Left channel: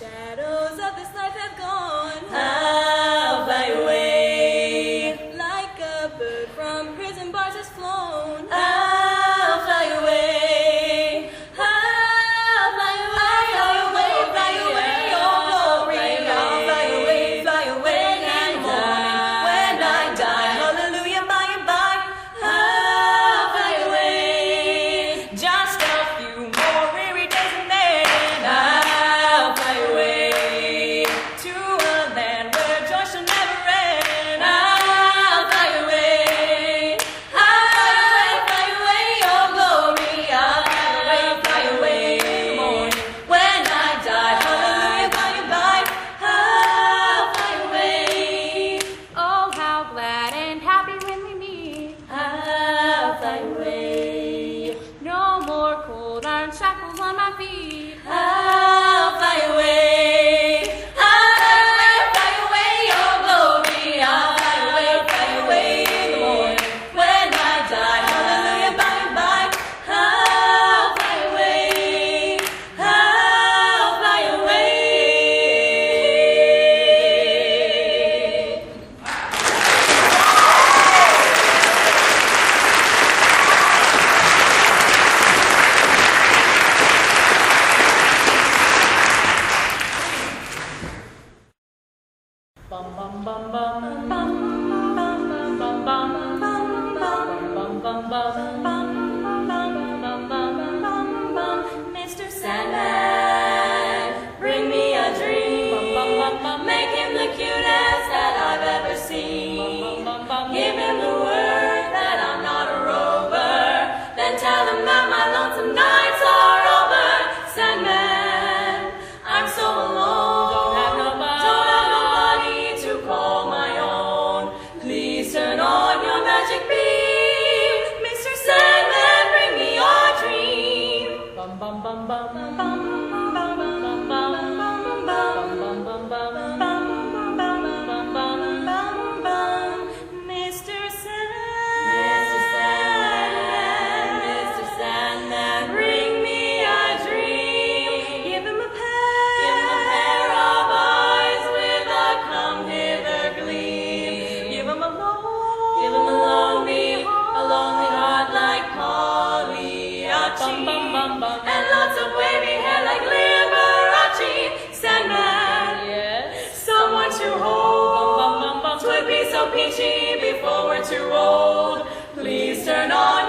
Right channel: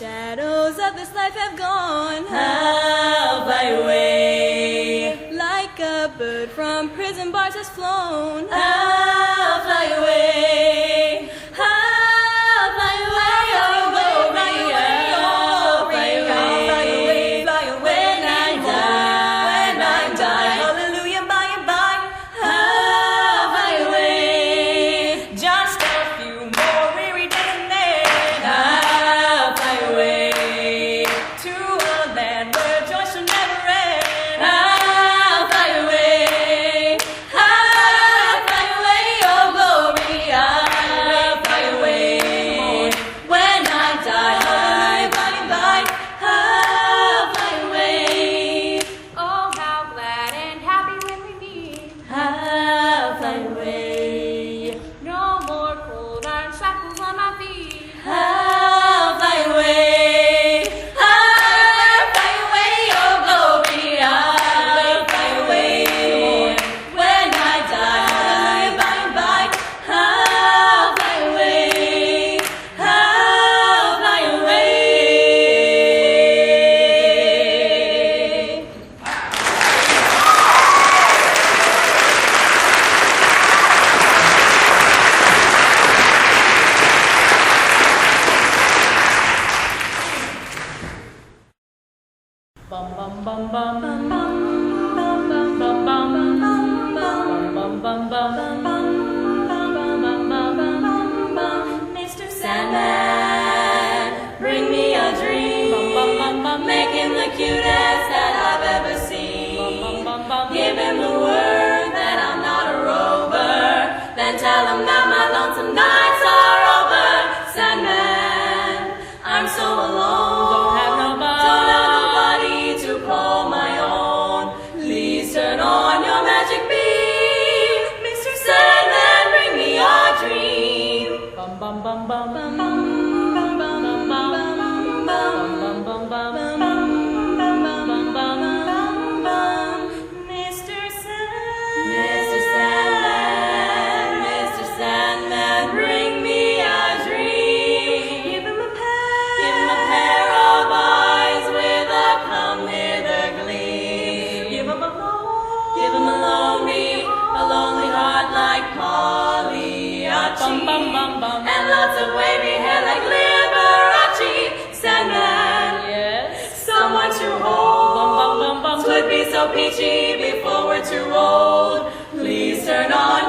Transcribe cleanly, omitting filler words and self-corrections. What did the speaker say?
shadows of this life have gone. I'll fly away. Like a bird from prison bars has flown. I'll fly away. I'll fly away. I'll fly away. I'll fly away. Fly away. When I die, hallelujah, by and by. I'll fly away. Just a few more weary days and then I'll fly away to a land where joy shall never end. I'll fly away. I'll fly away, oh glory. I'll fly away. When I die, hallelujah, by and by. I'll fly away. Oh, how glad and happy when we meet. I'll fly away. No more cold iron shackles on my feet. I'll fly away. I'll fly away, oh glory. I'll fly away. When I die, hallelujah, by and by. I'll fly away. I'll fly away. Bum bum bum bum bum bum bum bum bum bum bum bum bum. Mr. Sandman, bring me a dream. Make him the cutest that I've ever seen. Give him the word that I'm not a rover. Then tell him that my lonesome nights are over. Sandman, I'm so alone. Don't have nobody to call my own. Please turn on your magic beam. Mr. Sandman, bring me your dream. Bum bum bum bum bum bum bum bum bum bum bum bum bum. Mr. Sandman, Mr. Sandman, bring me a dream. Give him a pair of eyes with a come hither gleam. Give him a lonely heart like Pagliacci, and lots of wavy hair like Liberace. Sandman, yes, someone to hold. 'Twould be so peachy before we're too old. Please turn on